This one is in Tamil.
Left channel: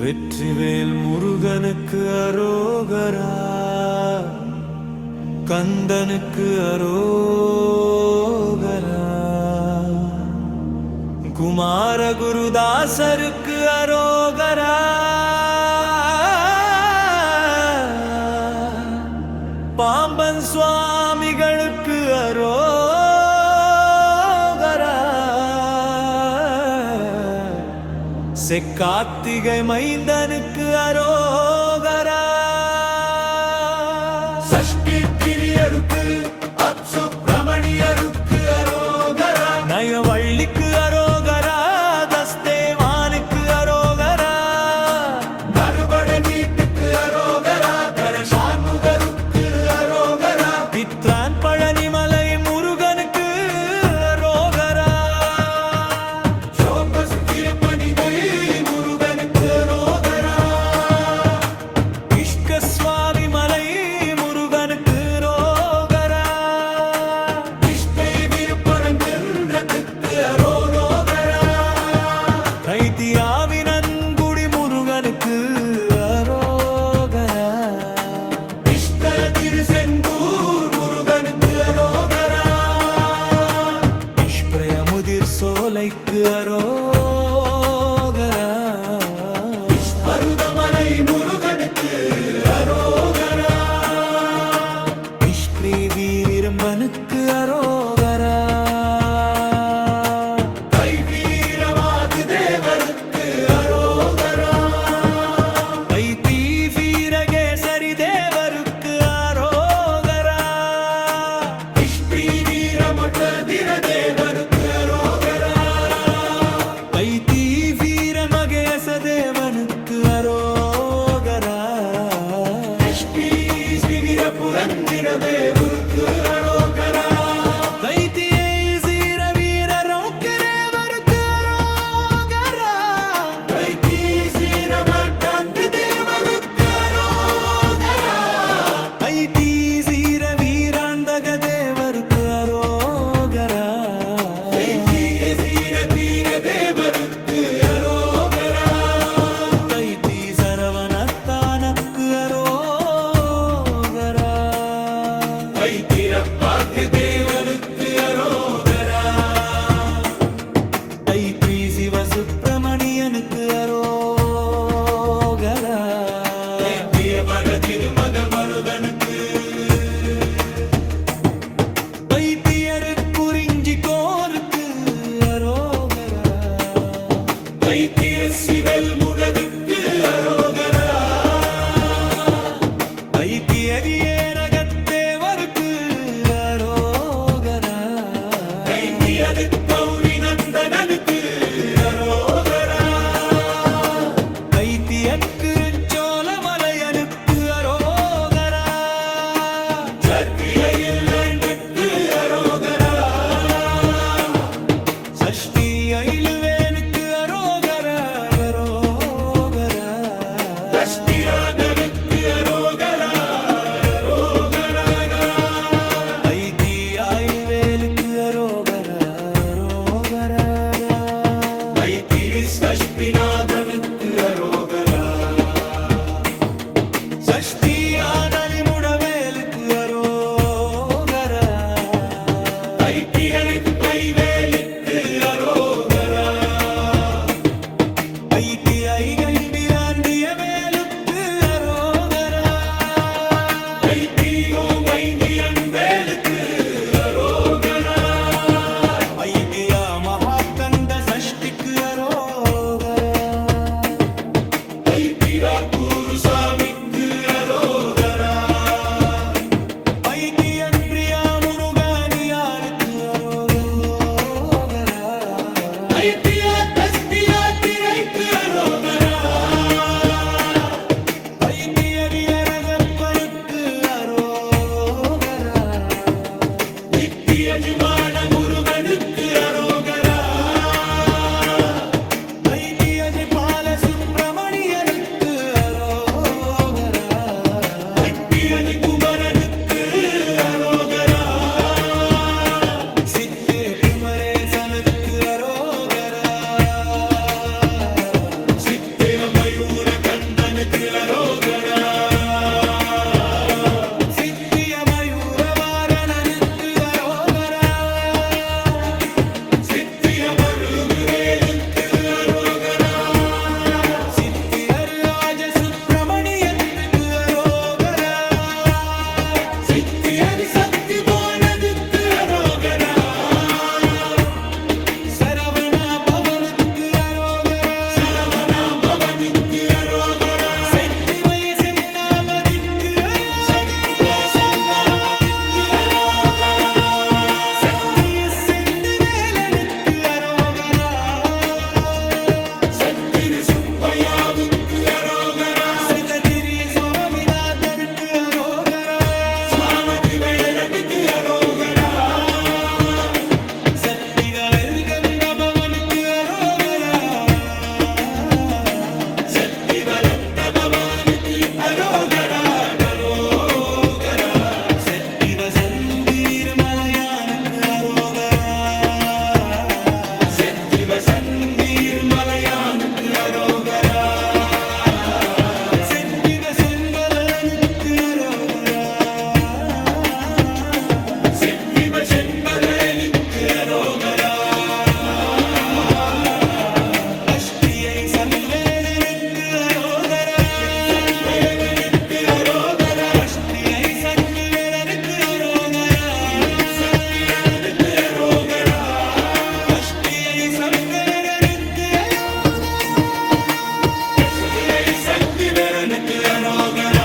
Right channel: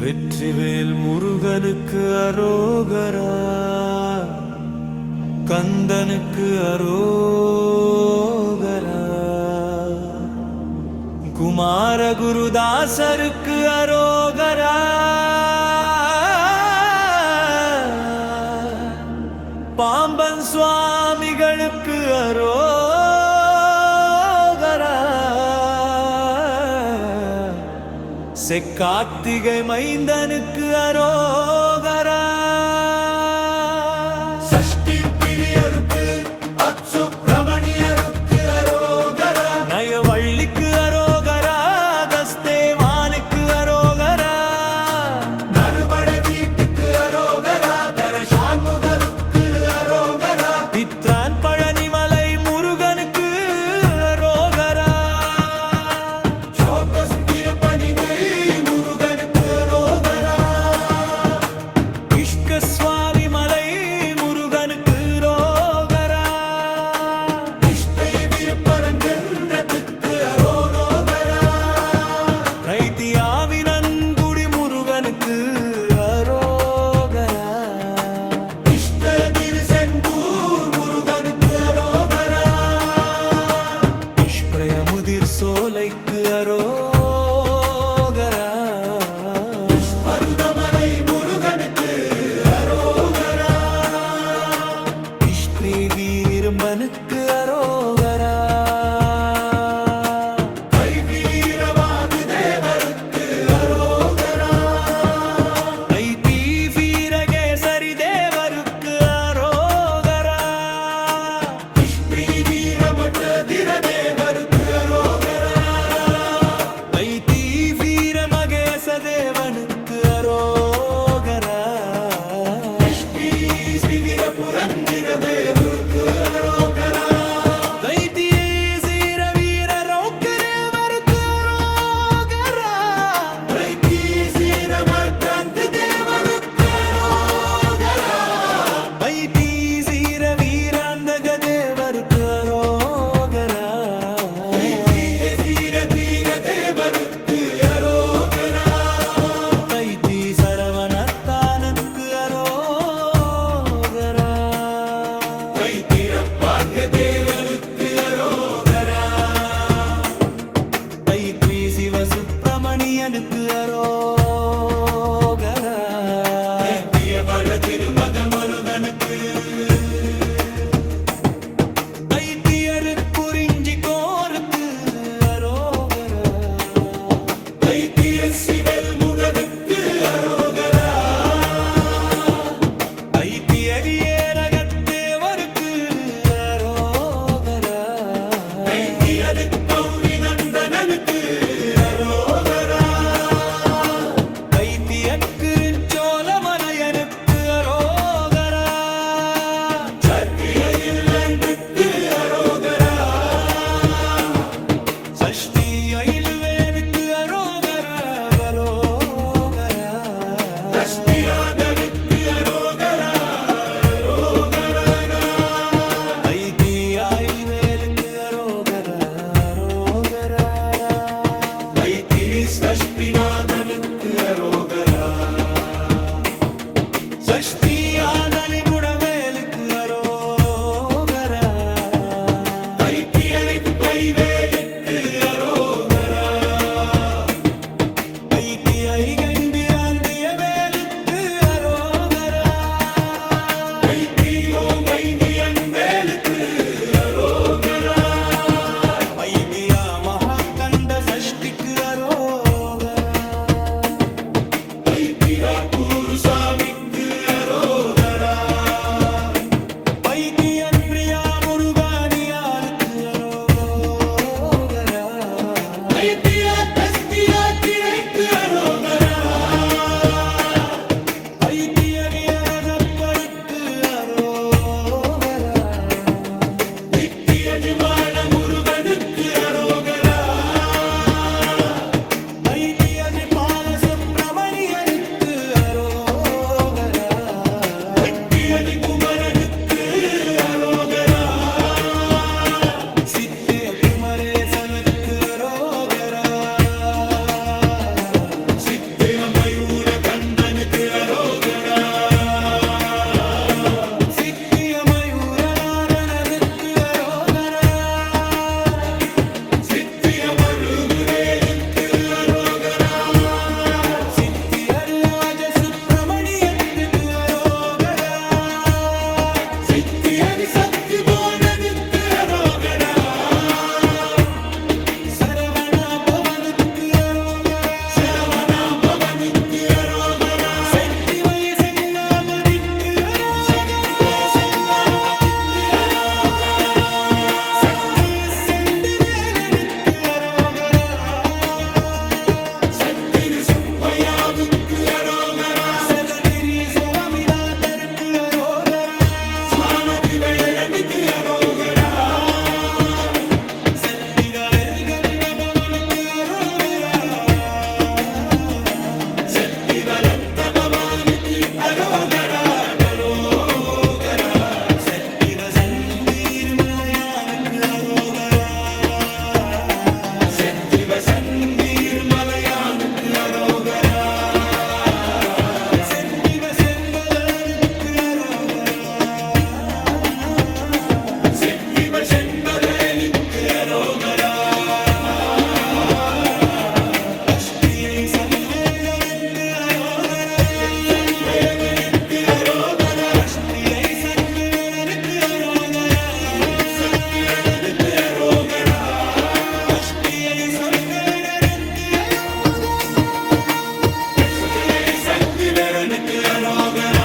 வெற்றிவேல் முருகனுக்கு அரோகரா, கந்தனுக்கு அரோகரா, குமார குருதாசருக்கு அரோகரா, பாம்பன் சுவாமிகளுக்கு அரோகரா, செக்கார்த்திகை மைந்தனுக்கு அரோகரா, சஷ்டி பிரியருக்கு அச்சுப்பிரமணியருக்கு அரோகரா, நயவள்ளிக்கு அரோகரா, தஸ்தேவானுக்கு அரோகரா, நறுபட வீட்டுக்கு அரோகரா, கரசான்முகருக்கு அரோகரா, பித்ரான் பழனிமலை முருகனுக்கு அரோகரா, சோகஸ் திருப்பணிதை முருகனுக்கு அரோகரா, இஷ்க சுவாமி மலை முருகனுக்கு அரோகரா, இஷ்டை விருப்பரங்கத்துக்கு அரோகரா, கைத்தியாவினன்குடி முருகனுக்கு அரோகரா, இஷ்ட திருசெந்தூர் முருகனுக்கு அரோகரா, இஷ்பிரயமுதிர் சோலைக்கு அரோகரா, மருதமலை முருகனுக்கு அரோகரா, இஷ்பிரி வீரம்பனுக்கு அரோகரா, கைவீரவாது தேவருக்கு அரோகரா, ஐத்தி வீரகேசரி தேவருக்கு அரோகரா, இஷ்டி வீரமட்ட திரதேவருக்கு அரோகரா, ஐத்தி வீரமகேச தேவனுக்கு அரோகரா, இஷ்டி வீரபுரந்திர தேவருக்கு அரோகரா, தைத்தியை சீர வீர ரௌக்க தேவருக்கு அரோகரா, கைதி சீரமர்கந்த தேவருக்கு அரோகரா, ஐத்தி சீர வீராந்தக தேவருக்கு அரோகரா, கைதி சீர தீர தேவருக்கு அரோகரா, தைத்தி சரவணத்தானக்கு அரோகரா, கைதிரப்பாக தேவருக்கு அரோகரா, தைத்ரி சிவ சுப்பிரமணியனுக்கு அரோகரா, கைதியபட திருமகன் மருகனுக்கு, தைத்தியரு குறிஞ்சி கோருக்கு அரோகரா, கைதிய சிவல் முடனுக்கு அரோகரா, தைத்திய வீரகத்தேவருக்கு அரோகரா, கைதியது கௌரி நந்தனனுக்கு அரோகரா, தைத்திய சோழமலையனுக்கு அரோகரா, சர்க்கிளையில் வேண்டுக்கு அரோகரா, சஷ்டி ஐலுவேனுக்கு அரோகரா, அரோகரா, கஷ்டிராதனுக்கு அரோகரா, அரோகரா, ஐதி ஆயுவேலுக்கு அரோகரா, அரோகரா, கைதி சஷ்டிநாதனுக்கு அரோகரா, சஷ்டி ஆனலி முடவேலுக்கு அரோகரா, கைதியனுக்கு பைவேலுக்கு அரோகரா, ஐதி ஐகம்பிராந்திய வேலுக்கு அரோகரா, கைதியோ வைத்தியன் வேலுக்கு அரோகரா, ஐகியா மகாகண்ட சஷ்டிக்கு அரோகரா, கைதிரா குருசாமிக்கு அரோகரா, பைத்தியன் பிரியா முருகானியாளுக்கு அரோகரா, கைதியா கஸ்தியா திரைக்கு அரோகரா, பைத்திய வியரகப்பருக்கு அரோகரா, நித்திய விமான முருகனுக்கு அரோகரா, பைத்திய பால சுப்பிரமணியனுக்கு அரோகரா, கைதியலி குமரனுக்கு அரோகரா, சித்திய குமரேசனுக்கு அரோகரா, சித்திய மயூர சப்பேரனுக்கு அரோகரா சக்திவேலனுக்கு அரோகரா